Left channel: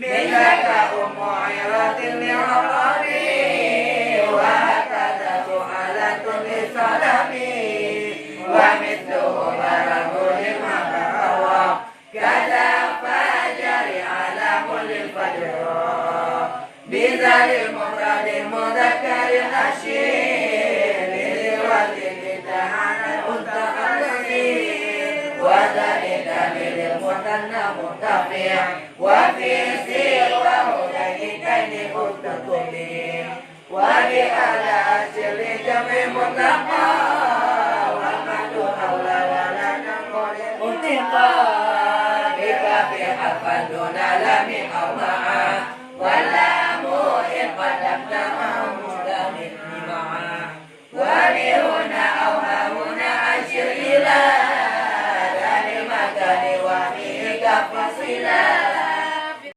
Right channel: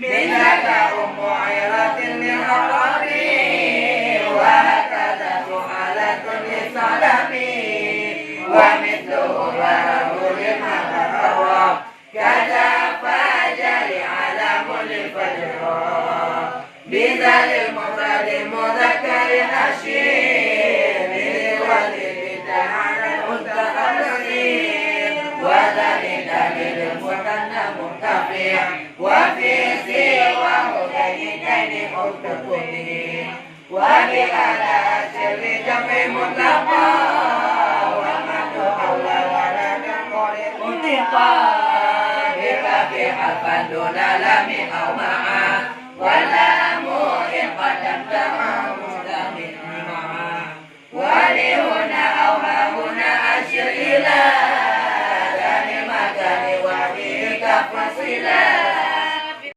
منك أم عيرة لعربي وهكذا فعلة للصلبي ومثله يرب للمبرر كذا فجر علم للفجر بذا للمفرد المذكر الأشير للولد تعالى المتحررين وذلك للمثنى مرتفع وفي سواه ذلكين مستقيم وبعلى أشر جمع مطلقا ومن حول ولا نقل مطلقا بكف حرفا دون لام أو معا واللام إن قدمت مدام معا ولهنا أو هنا أشر إلى ذا المكان وفيه كفصلا